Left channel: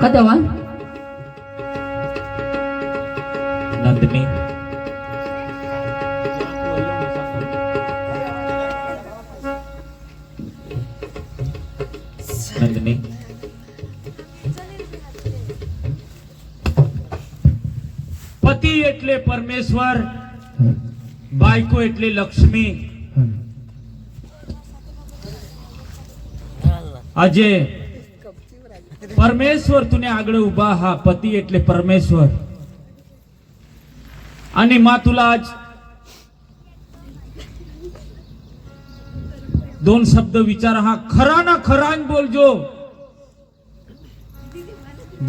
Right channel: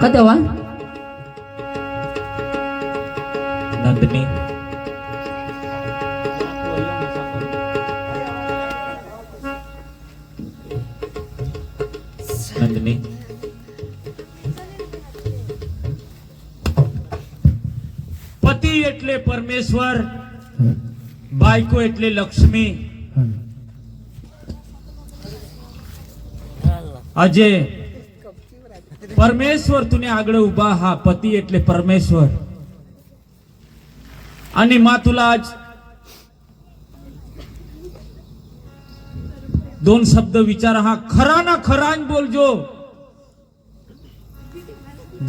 को देवा नंदनी नंदनी पति એટલે પરમેશ્વર બાઈકો એટલે લક્ષ્મી अजय परमेश्वर तुने आगड़े उभा हा पती एटले परमेश्वर आणि मा तुला आज दोन शब्द विचार हा खरा ना खरा बोलजो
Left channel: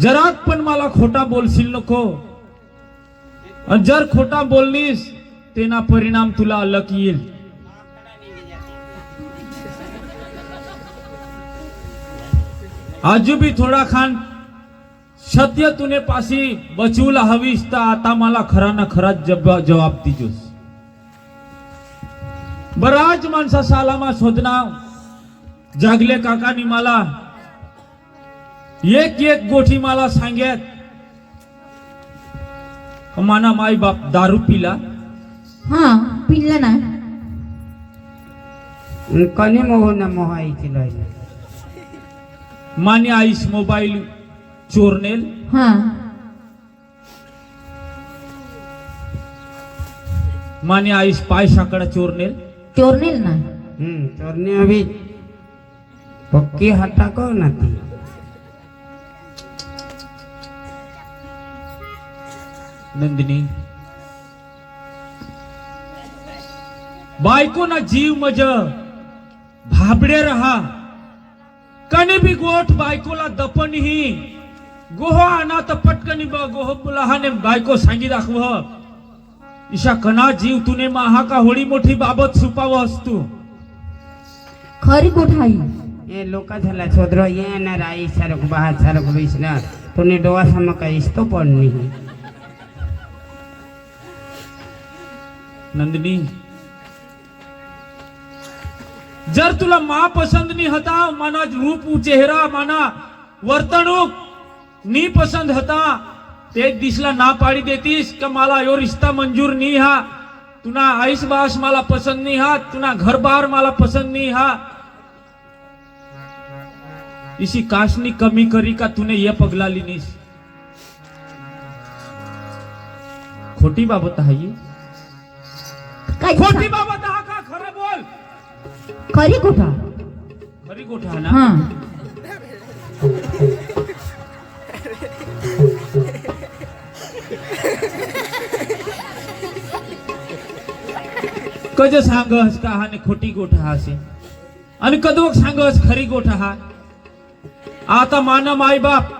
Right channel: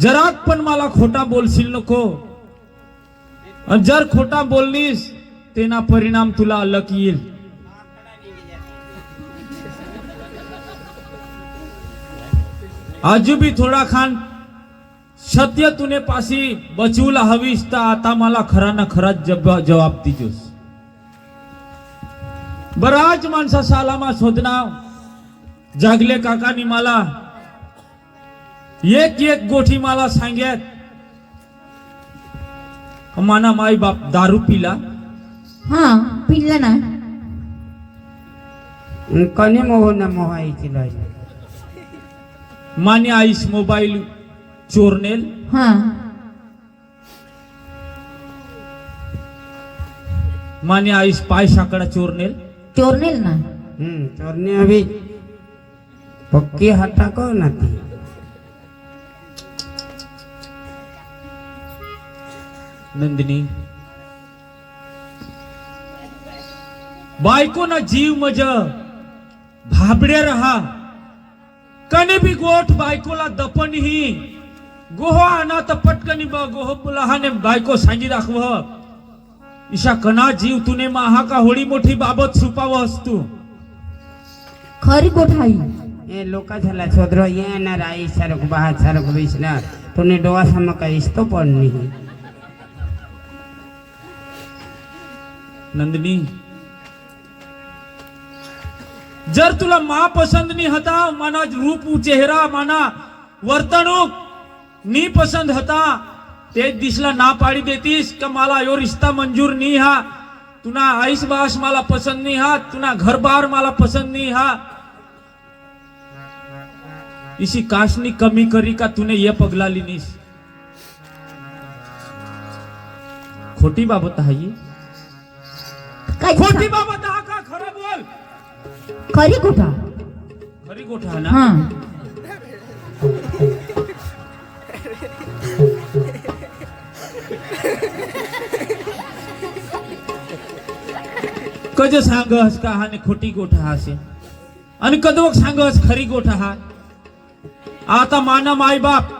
जरात पण मला खोटा बोलशील नको जर खोटा बोललीस तेना परिणाम तुला अलग येईल थोड़ा खान सत्य ખાન पासी बचूला પાછી બચવું હવીશ તા આતા खरा ખરાના जवाब जवाब દીજોસ बराच माणसा सालामा सोधना जागले नी माला एक एक गोठी माला सांगे माना माई बाप दारू पीला हाँ पीला ना कनी मोह मोहाई मोहा माने आईस मोबाइल चोर ने हाँ। माने आईस पाई साकड़ा चोर ने चोर ने ना हम्म चोर ने अभी पक्की हटा को ना थी नंदिनी बाइको ना जीव मज भाबड़े रहा कने भी गोट बाइकोला दपन ही गोह आना तो पटकनी बा गोह पुला हने बाइको सांगी दाखव ईशा कना जीव तूने माहा का होळी मोठी बाबत छुपाव हस्तु खरी गोठाई ये लोका झाला छोद्र ये न राई सरक बहा सरक विष्णा तूने डोवा सम का इस्तो पण नाही नंदिनी जर तुला मा नी होता मना रूप चेहरा मना वर्तणूक नी पसंद होता ते दिसला ना पाडी देतीस का माला यो रिश्ता मंजूर नी हा तुना आईस बास मला पसंद नी हा तुना घर बार मला पसंद नी हा इसी काशनी कमी करी का तूने ये पगला लिनीस खोटी बाबत आहे खोटी बाबत आहे करी कोठा करी कोठा ना हाँ कज सांग का हा ने खोटी कोठा असे आणि कदवक सांग हस खरी कोठा हा आता माना माई बाप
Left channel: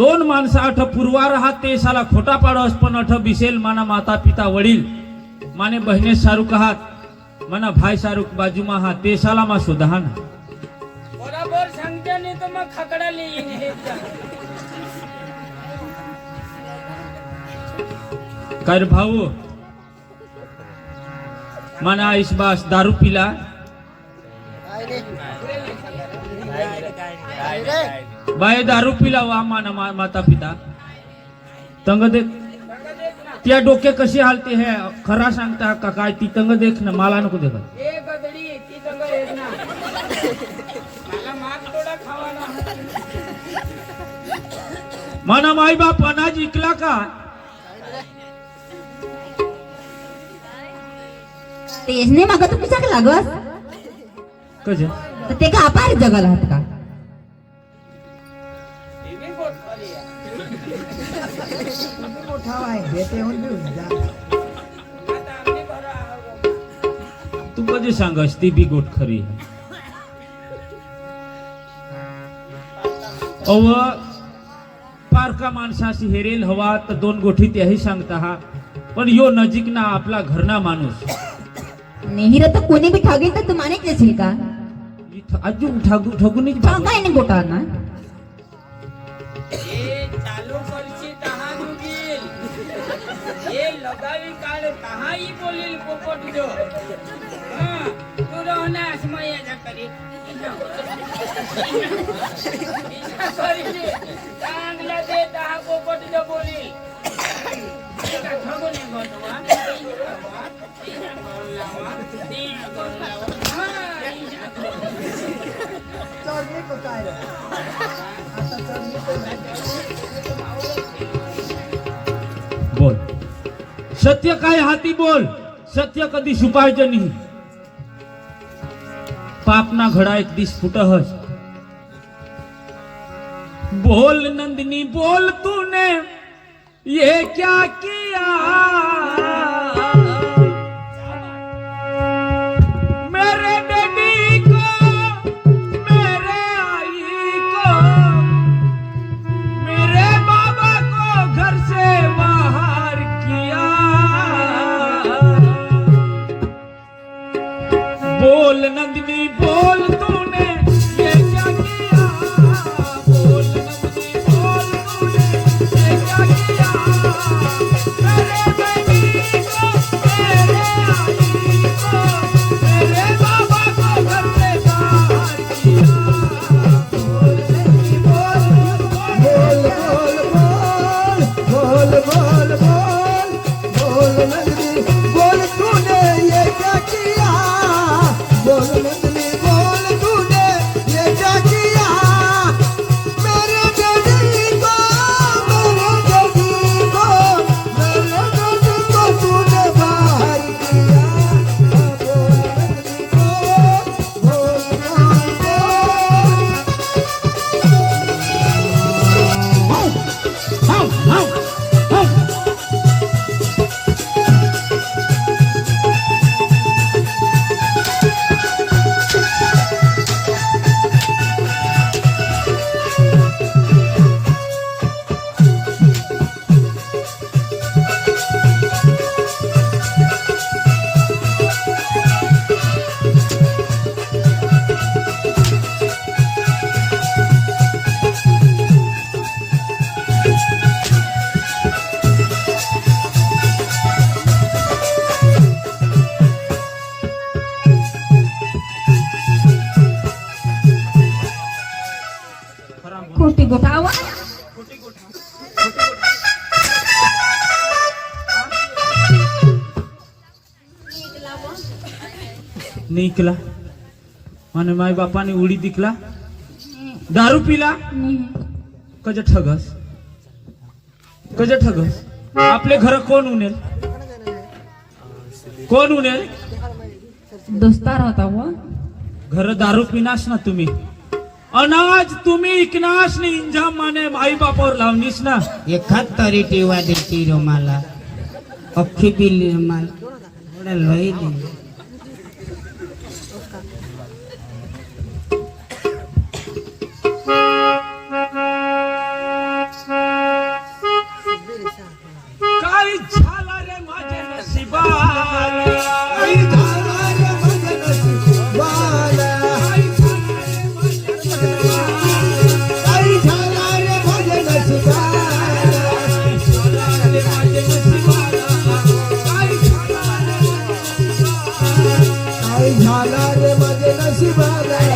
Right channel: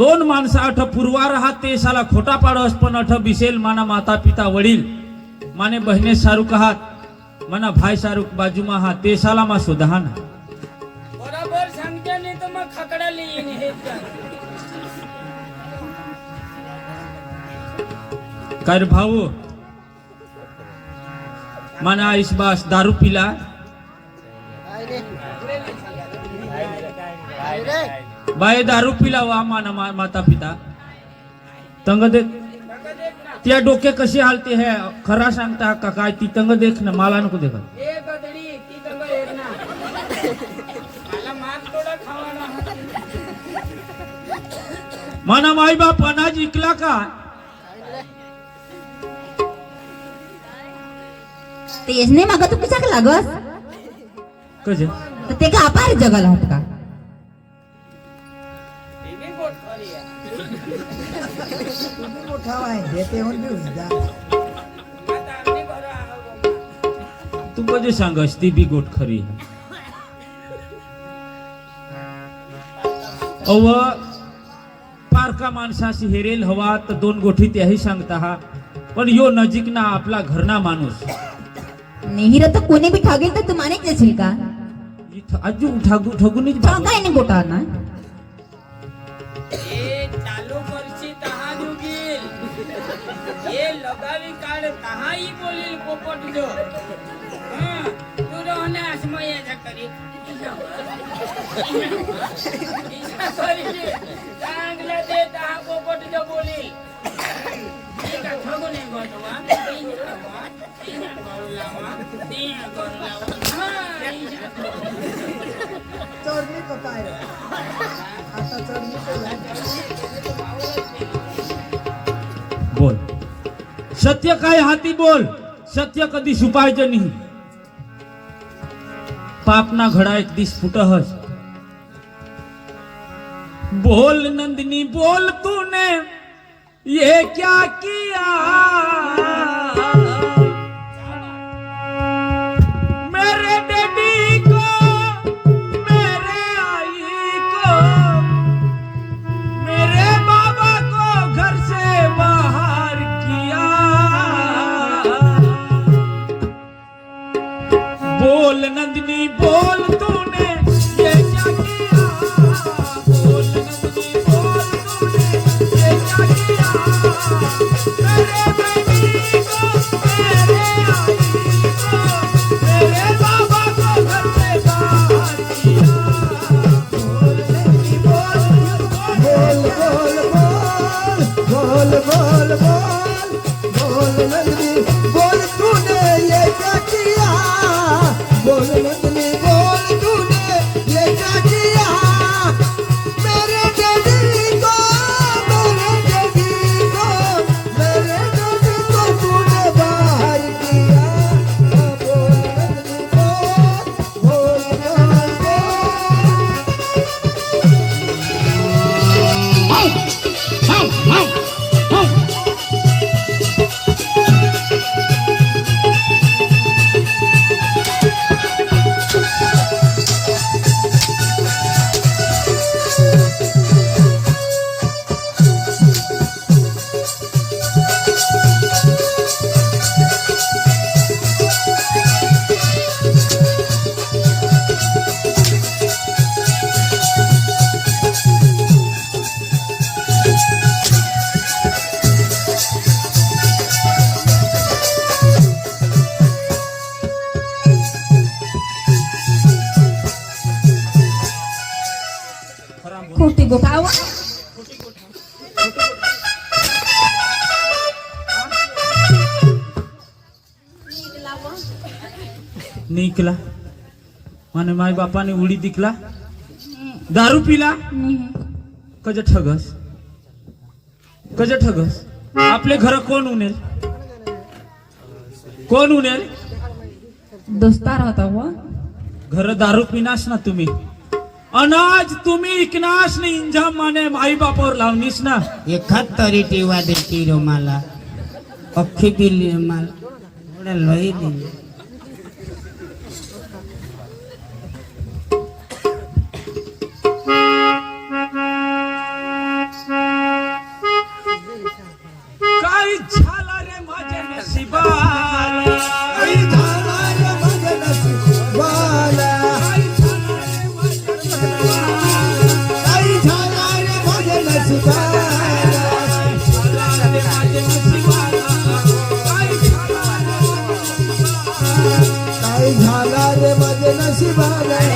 दोन मानस आठ पुरवा रहा ते साला खोटा पाडस पण आठ बिसेल माना माता पिता वडील माने बहिणे सारू आहात मना भाई सारुक बाजू में हा तेसाला में सुधाना बराबर संख्या नहीं मैं खकड़ा ली नहीं कर भाव मना इस बास दारू पिला बाय दारू पिला वहा माता पिता तंग देख त्या डोके कसे हालते है खरा सांगता का काय ती तंग देख ना माला नको देख मना माई बाप अनाज इकला का तेज नहीं मग तू कशाक लागस कसे ते का जगाला होत का तू कधी सांगस ती बी गोट खरी अव पारका माणसाशी हेरेल हवा तो दोन गोठी त्याही सांगता हा पण यो नजीक ना आपला घरना माणूस नेहरा तर कोणी भी ठागेल तर तू मानित नसेल का ठगू ठगू नहीं ठगा नहीं गोटा ना લગાવી કાળે કહા ઈ બોલી પોપટ જો હા તું રહો ને આસમાં એ જકરી તાંગલા દે તાહ પોપટ જો બોલી सत्य का हाथी बोल सत्य कधी नहीं पाप पापना घडा एक दिस फुटहस बोल नंदिनी बोल तूने ये क्या किया दिखला आणि माय बापाने उडी दिखला दारू पिला कज ठगस कज ठगस आपले घर कोण उनेल कोण उनेल दस्तार होता व घर दारू पिनाश ना तुम्ही अनाज तुम्ही इकनाश ने इंजाम माने आई बापावर लावणीस ना एखाद तरी टीवा देती रुमाला अख्खी बिल्ली रुमाल लई दिली na semana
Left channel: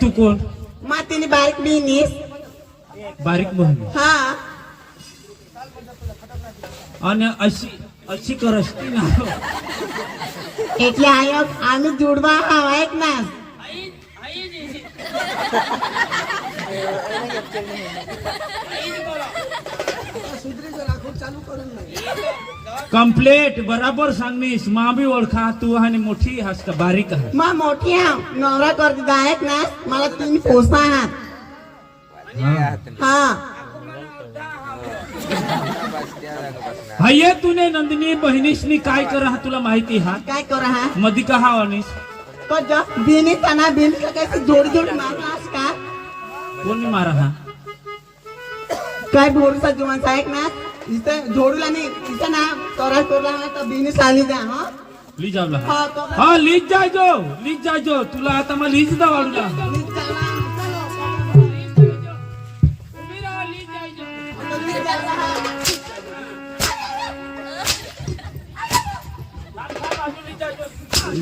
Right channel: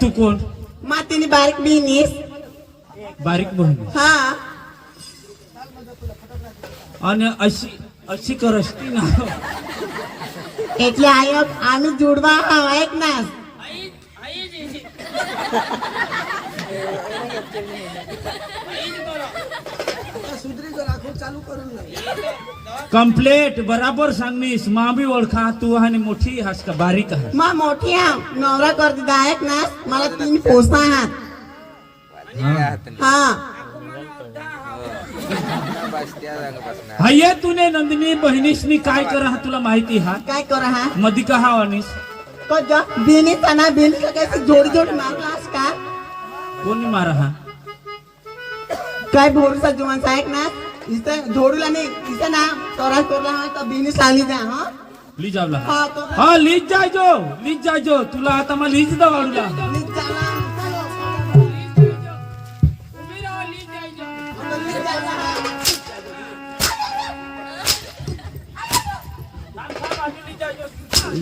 तू कोण मातीने बारीक बिनीस बारीक बहिणी हा आणि अशी अशी कर असती ना એટલે આયો આનું जुडवा આવે ऐक ना कम्प्लेट बराबर सांगनीस मा भी ओळखा तू आणि मोठी हास का बारीक आहे मा मोठी हा नवरा करते ना मला तुम्ही पोसा आहात हा हये तुने नंदिनी बहिणीसनी काय करा हा तुला माहिती हा काय करा हा मधी का हा अनिस पण बिनी तना बिन का कैसे जोड जोड मारलास का कोणी मारा हा काय भोरू सा जुना साइड ना इथे धोडूला नाही इथे ना तोरा तोरा तो बिनी सानी जा हां ली जा ला हां ली जाय जो ली जाय जो तुला आता मा लीज दा वाडूला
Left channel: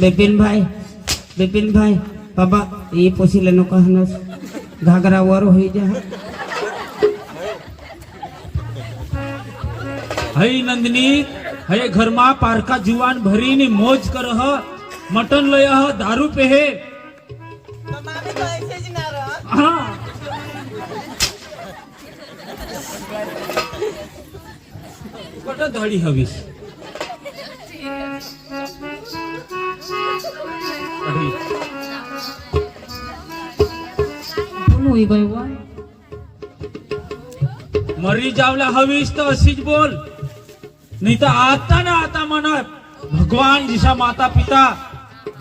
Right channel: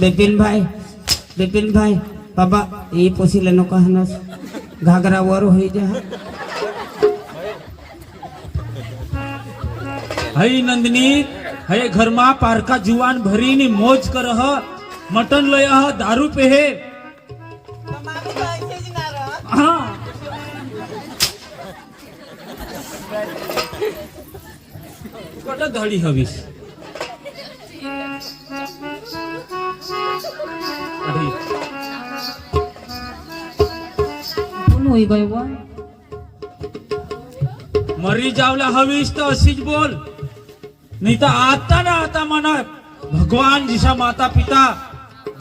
बिपिन भाई बिपिन भाई बाबा ये पोसी लेनो कहनस घाघरा वर हो जा हई नंदनी हे घर में पारका जुआन भरी ने मौज कर मटन लय दारू पे है। हाँ। मरी जावला हवीस तो असीज बोल नाही तर आता ना आता मनात भगवान जिशा माता पिता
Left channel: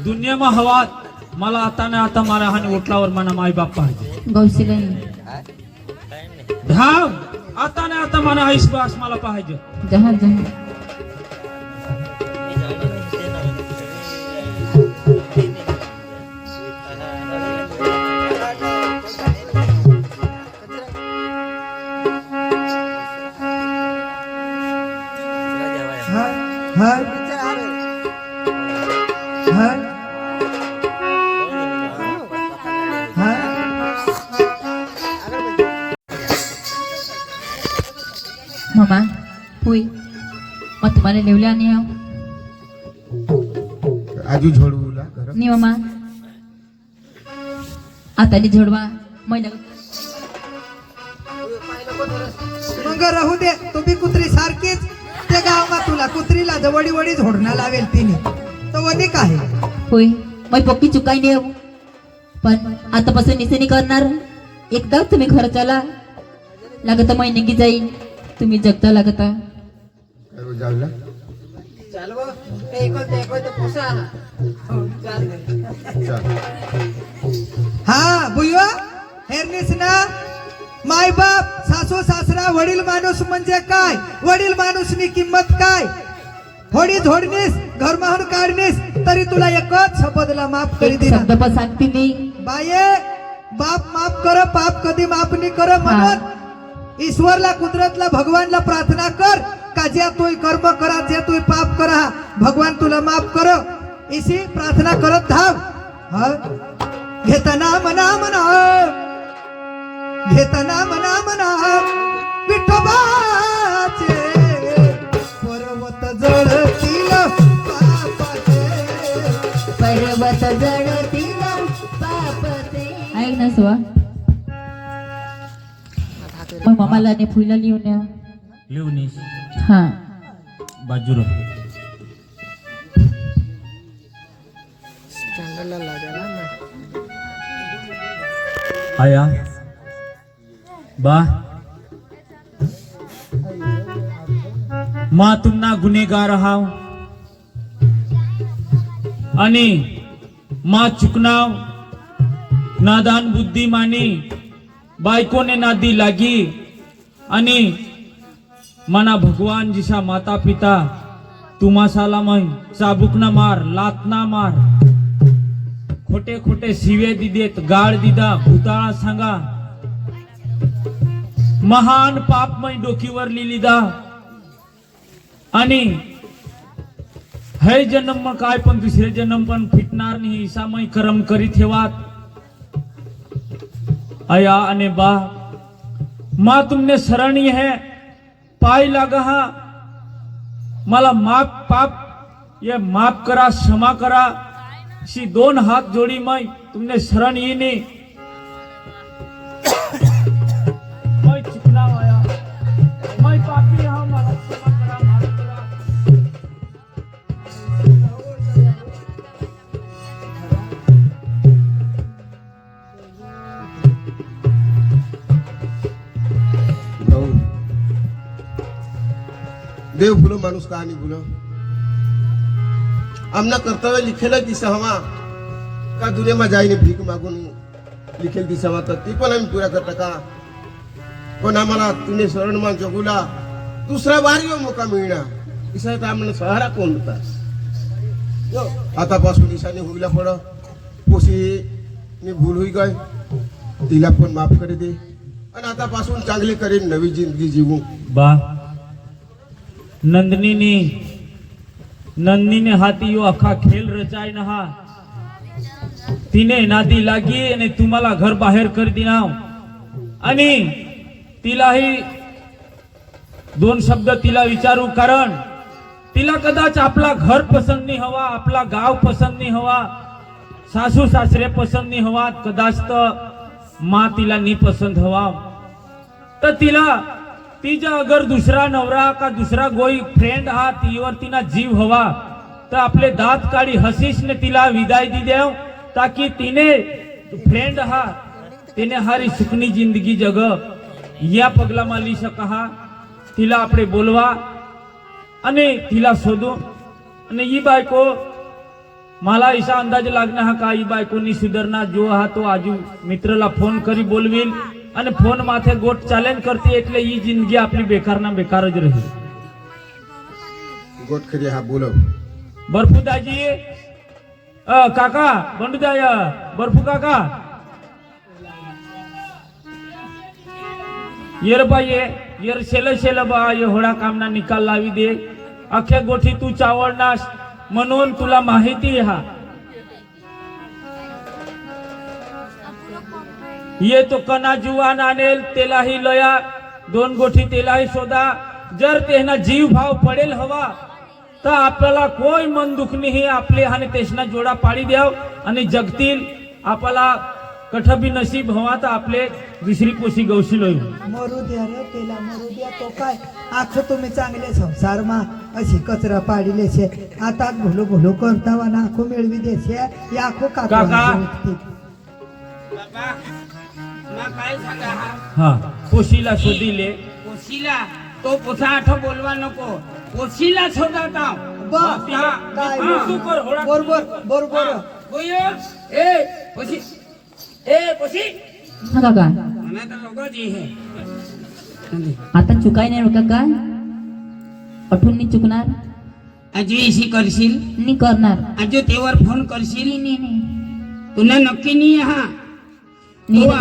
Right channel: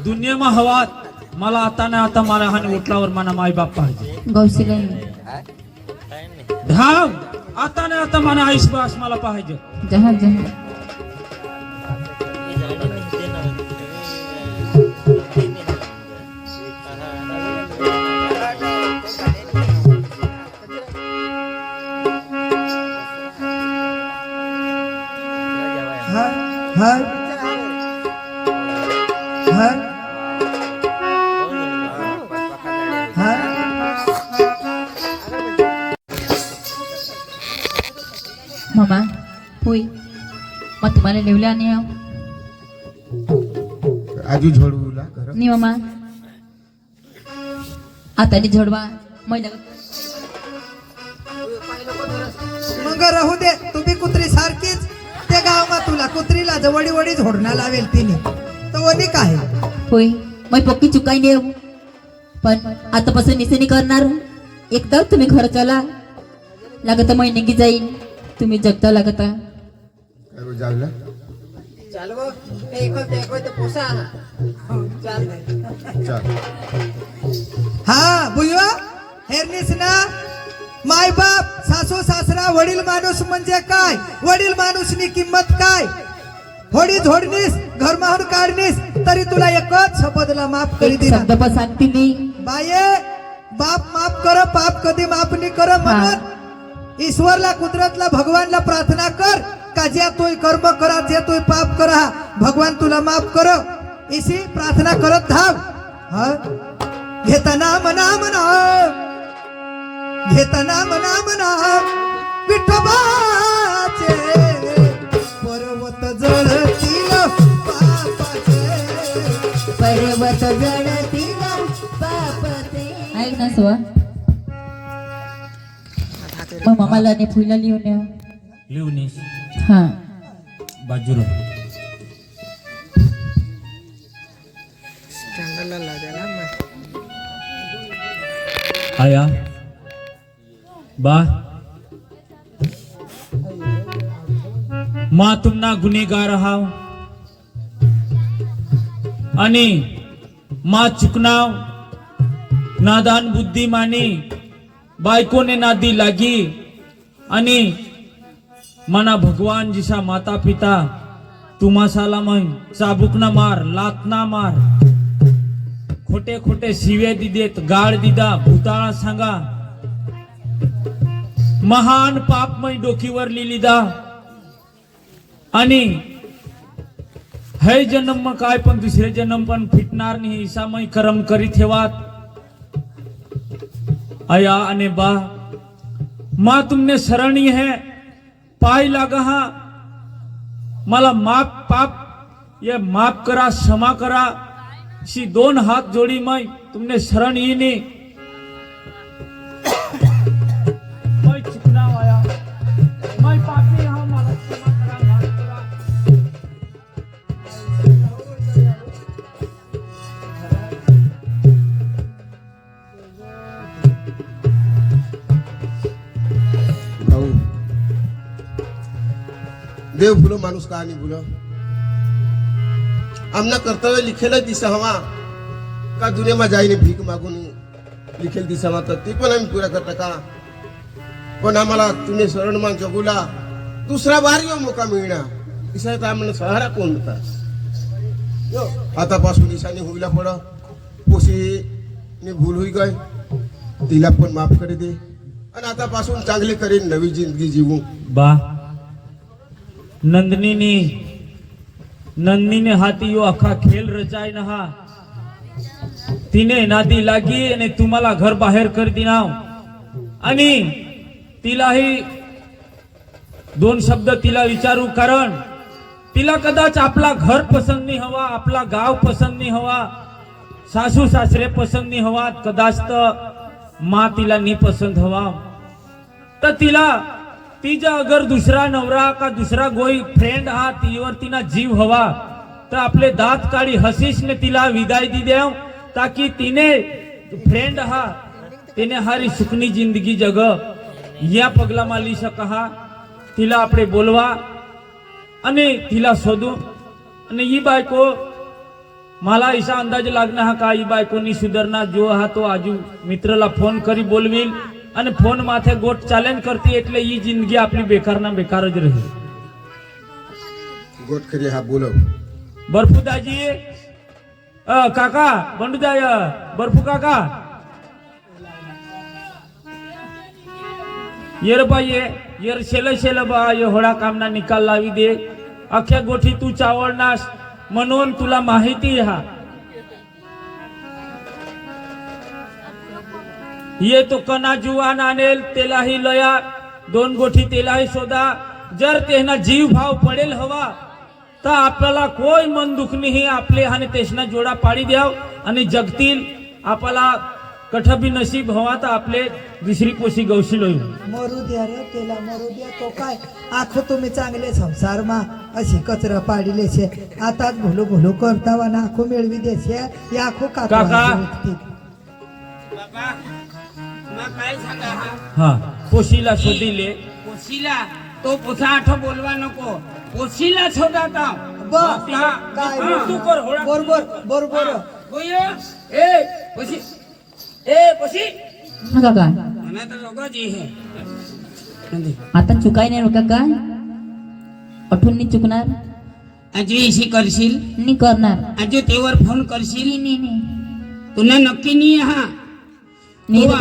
दुनियामा हवात मला आता ना आता मारा हानी ओटलावर माई माय बाप पाहिजे धाव आता ना आता मला आईस मला पाहिजे हाताने जोडवा महिला मग राहू दे तुम्ही कुत्री सारखीच ते गाव तुला कुत्रीला जवळी वडी झोडणा लावेल तिने तो वधी काय होय मग पक्की चुकाय नाही पण आतापासून निसेनी करणार एकदा तुम्ही घर चला लागत महिने जाईन तुम्ही जगता लागता चालव हो. ते एकोणते एकोणते पोसा हो, हा भुयो हेरनीस ना माय बाप सासू सासरा वडील माणूस म्हणजे काय वडील माणूसनी किंमत काय होडी धोडणीस घर काढणीस तरी तुला एकच शपथला माफ करी दे शब्द बाये बाप माफ कर पाप कधी माफ नाही कर म्हणत ईश्वरला कुदरतला भगवानला प्रार्थना कर का जे तोय कर्म करा जे तोय पाप करा भगवान तुला माफ कर इसी प्रार्थना करत धाव घेता नाम नाम नाम घेता नाम नाम नाम विठोबाचे पर्वत जळतील पर्वत जळतील ऐक ना सुवा मग मामाला फुलं लिहून लिहून हाँ। बाजू रहा स्कैंडल ला गुनेगार रहा नादान बुद्धि मानी बायको ने नादी लागी अने मना भगवान जिसा माता पिता तू साला मय चाबुक ना मार लात ना मार खोटे खोटे शिवे दिदेत गाळ दिदा भूताळा सांगा महान पापमयी डोकीवर लिहिली आणि हे जन्म मग काय पण दुसरे जन्म पण फिटणार नाही इसामयी करम करीत ठेवात अया आणि बा तुमने सरणी है पाय लागा, हा मला माप पाप ये माप करा क्षमा करा शी दोन हात जोडी मई तुमने शरण येणे देव भुलो मानूस का नहीं भुलो आमना कर्तव्य लिखेल दिसावा का दुनिया में जाए भीक मागून लिखेल दिसावा तो ती पण पूरा करता का पण आम्हाला तुम्ही शरणमान जगूला दुसरा बार मोका मिळणार दिसायचा आम्हाला सहारा कोण होता आतापासून दिसाने होईला पड पोशी भूल होई गय तिला पण माफ करे दे आणि आतापासून चांगले करेन नवी जिंदगी जीवू बा નંદનીની નંદનીને हाती आखा खेल रचाय રચાય નહા तिने नादी लागी आणि तुम्हाला घर बाहेर कर दिनाव आणि तिलाही दोन शब्द तिला विचारू कारण तिला कदाच आपला घर पसंद नाही हवा आपला गाव पसंत नाही हवा सासू सासरे पसंत नाही हवा कदाच तर मा तिला नी पसंत हवा तर तिला तिचा अगर दुसरा नवरा का दुसरा गोई फ्रेंड हा तीवर तिना जीव हवा तर आपले दात हसीस ने तिला विदाई दी देव ताकी तिने फ्रेंड हा तिने हारी सुखनी जिंदगी जग या पगला माली हा तिला आपले बोलवा आणि तिला शोधू आणि ही बायको मला इसा अंदाज लागणार हा का ही बायकोनी सुधारणा जो हा तो आजू मित्राला फोन करी बोलविल आणि फोन माथे गोट चॅलेंज करते इथले ही जिंदगी आपली बेकार ना बेकारच राहील गोट खरी हा बोल बर्फू दाजी काका बंडू द्या बर्फू काका येर बाई ये येर शेल शेल बा ये काम कामना निकाल लावी दे अखे गोठी तू चावळ नास म्हणून तुला माहिती हा ये तो कना जुवान आणेल तेलाही लया दोन गोठी तेलाही शोधा जर तेना जीव भाव पडेल हवा तर आपल्याला कोई मन दुखणीही आपले आणि तेसना जोडा पाडी द्याव आणि जगतील आपल्याला कठबी नशीब हवा तर आपले दुसरी कोशी गवशील होईल मरू द्या रे तेला मरू द्या तो काय आख तुम्ही चांगले संसार मा अशी कचरा पाडिले छे आता भुलू भुलू करता वा नाखो मेळवी छे या आखो काका कोशिला सांगा हा हा तो पुसा आठ बोलवा नको कोशीला शोधा का बस हा, तू हा, तू कर होळा बरोबर बरोबर होय ए कोशी ए कोशी काका मैं तो लोगो जी है आता चुकाय नाही बरं काका अठून नी चुकणार अजूशी करशील नहीं करणार अजू तेवर फोन करशील नहीं नहीं तूने नक्की नाही हा નીર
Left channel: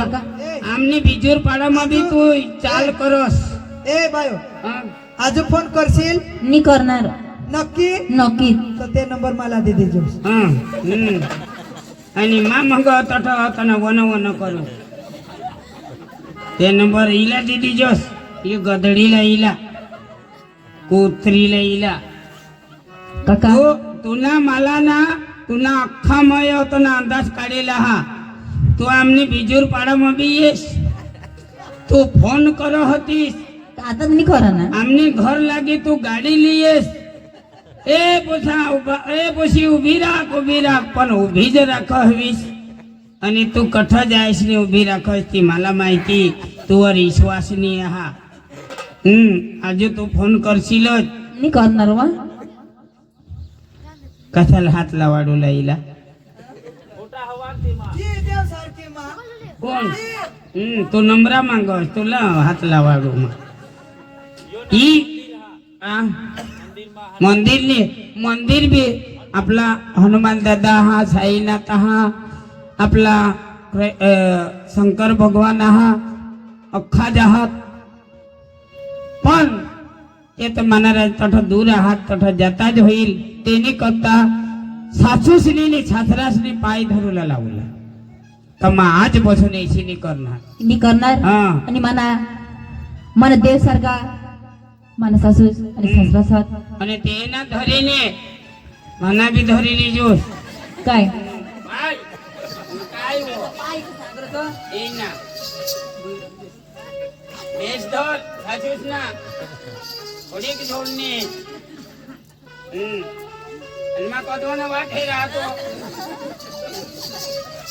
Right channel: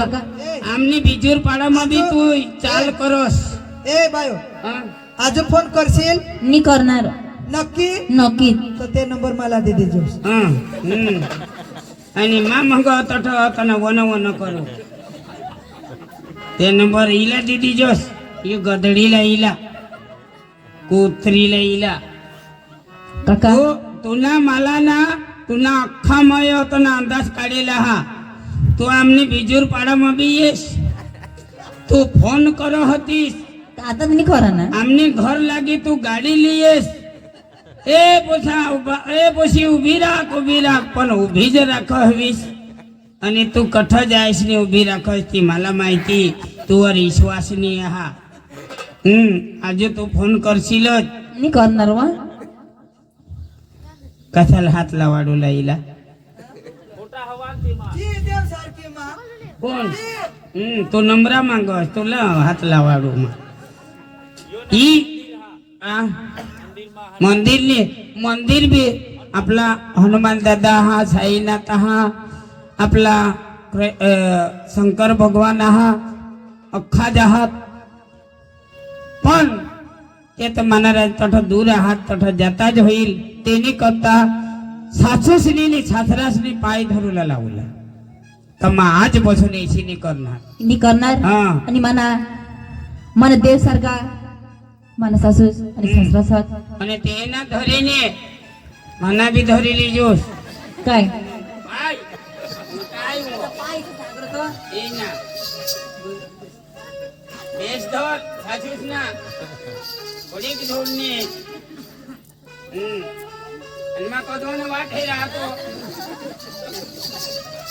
આમની બીજોર પાડામાં બી તું ચાલ કરસ એ બાયો આજે ફોન કરશીલ ની કરનાર નક્કી નક્કી તો તે નંબર માં લાદી દેજો હમ અને માં મંગો તઠ તને વનો વનો કરો તે નંબર ઈલા દીધી જોસ એ ગધડી લા ઈલા કોથરી લા ઈલા કાકા તુના માલાના તુના આખા મયો તને અંદાજ કાઢેલા હા તો આમને બીજુર બી બીએસ તો ફોન કરો હતી આતમ નહીં કરો આમને ઘર લાગે તો ગાડી લઈએસ એ પોછા એ પછી ઊભી રાખ ઊભી રાખ પણ ઊભી જ રાખવીશ અને તું કઠ જાયશ ને ઊભી રાખશ તી માલા માહિતી તું આ વિશ્વાસની આહા હમ આજે તું ફોન કરશીલ જ નહીં કરનાર વા કથલ હાથ લાવાડો લાઈલા કોણ હમ તું નમરા માંગો તું લાવ હાથ લાવાડું ઈ મંદિર ને મંદિર બી આપલા હનુમાન દાદા હા સાઈનાથ હા આપલા શંકર ભગવાન હા અખા જહાત પણ એ તો મહારાજ તઠ દૂર આહાત તઠ જતા જ હોईल તેની કરતા સાસુસની ને સાસરાસની પાય ધરુલા લાવલા ತಮ್ಮ ಆಚೆ ಬಸವನ ಇಸಿ ನೀ ಕರ್ನಾರ್ ನೀ ಕರ್ನಾರ್ ನಿಮ್ಮನ ಮನ ದೇವ್ ಸರ್ಗ ಮನ સાસુ અને સાસરા સાથ અને તેના ધરીને મને બી ધરી લીજો કાઈ ભાઈ કાઈ વો ભાઈ સાગર તો એના મેસ ધર સાસુસ ના ઓડી બી ધોને હમ અલમા કદોને વાઠે રાતો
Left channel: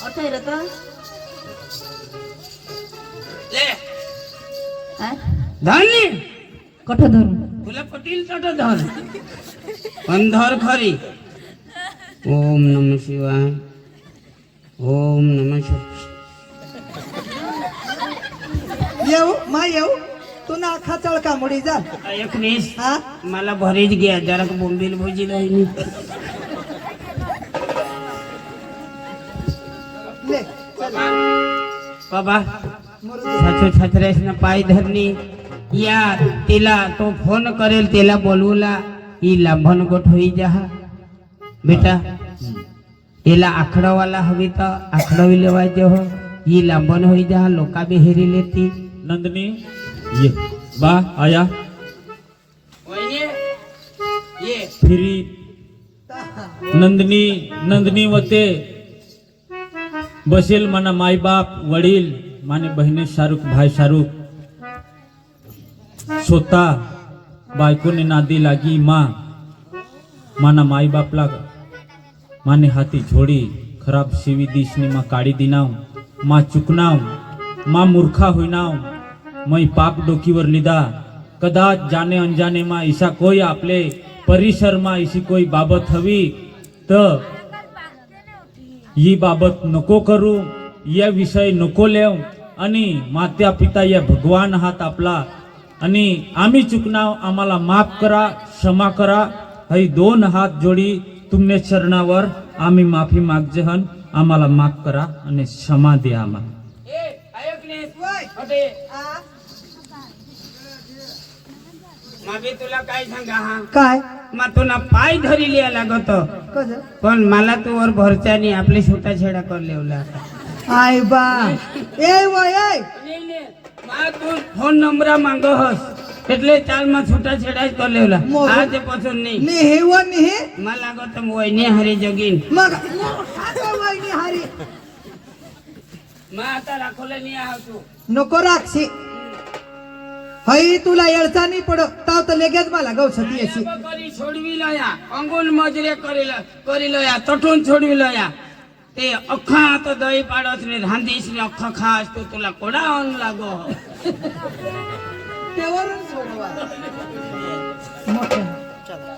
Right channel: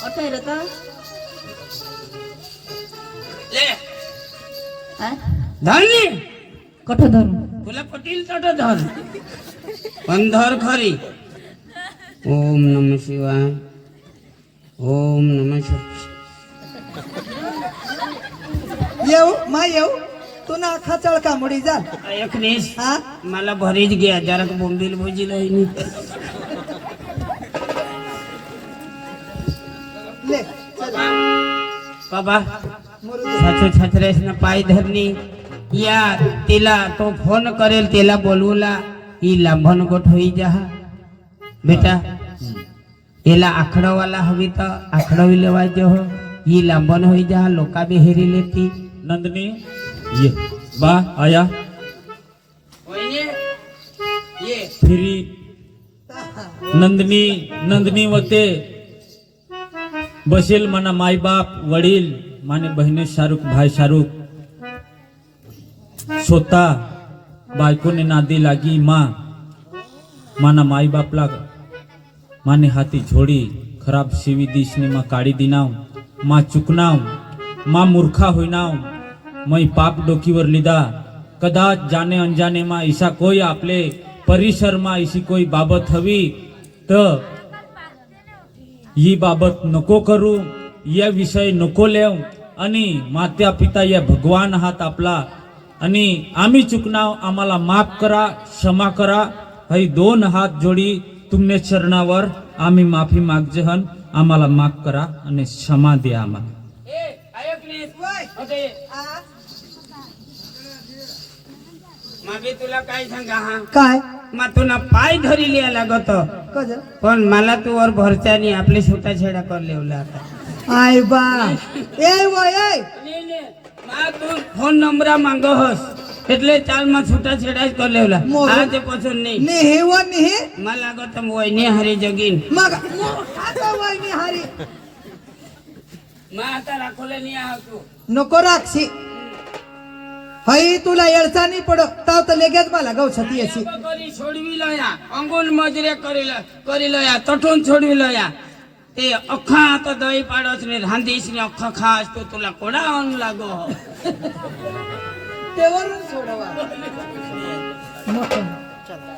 ಅರ್ಥ ¿Eh? खरी ओम नम शिवाय ओम नम शिवाय येऊ मा येऊ तू ना आखा चळ कामडी जा एकनीस हा मला भरीच घ्या जरा तो बोंबील भुजी नाही બાબા સાચું છત્રેસ ને પાઈ ધરની યા તેલા તો ફોન કરેલ તેલા બોલુલા ઈ લાંભન ગોઠવી જા બેટા એલા આખડાવાલા હવે તો આખડાવી લેવા જો ઈ લાંબન હોઈ જા લોકા બી હેરી લેતી નંદની ये वाह आया ये ये फिरी नंदनी नंदनी मते બસેલ માના માય બાપ વડીલ માને બહેને શાહરૂખ ભાઈ શાહરૂખ સોતા બાયકોને નાદી લાગી માં માના માય બાપ લાગ માને હાથી જોડી ખરાબ સીવી દીશની માં કાઢી દીનાવ માં ચૂકનાવ માં મૂર્ખા હોઈનાવ મય પાપ ડોકીવર લીધા કદાચ જાને અંજાને માં ઈશા કોઈ આપલે પરિસરમાં ઈસી કોઈ બાબત હવી તો ही बाबत नको करू या विषय नको लेव आणि मात्या पिता या भगवान हात आपला आणि आम्ही चुकनाव आम्हाला माफ करा क्षमा करा है दोन हात जोडी तुमने चरणावर आम्ही माफी मागजहन आम्हाला माफ करा आणि क्षमा द्या आम्हाला मी तुला काय सांगा हा काय मग तुला पाय धरी लिया लागत पण मला तू वर भरच्यानी आपले सुता छेडा कर लेवला आय बा ए वय ફોન નંબર માંગો હસ એટલે ચાલ માં છૂટા છેડા જ કરી લેવલા આજે પસંદ નહીં ને હેવો ને હે માં લાગો તમ હોય ને હરી જગીન માં હોય ને હરી માં આતા રાખોલે ની આવતું નકો રાખશી હઈ તુલા એળસા નહીં પડો તાવ તો લેગેજમાં લગાવ છતી હશે કરી છોડવી લયા અંગુલ મજરે કરી લ કરી લયા તઠું છોડવી લયા તે અખા તો દઈ પાડો છે ને રાંધીશ ને અખા ખાસ તો તુલા કોડા અંગ લાગો તેવરું છોડવા મોટો ચાલો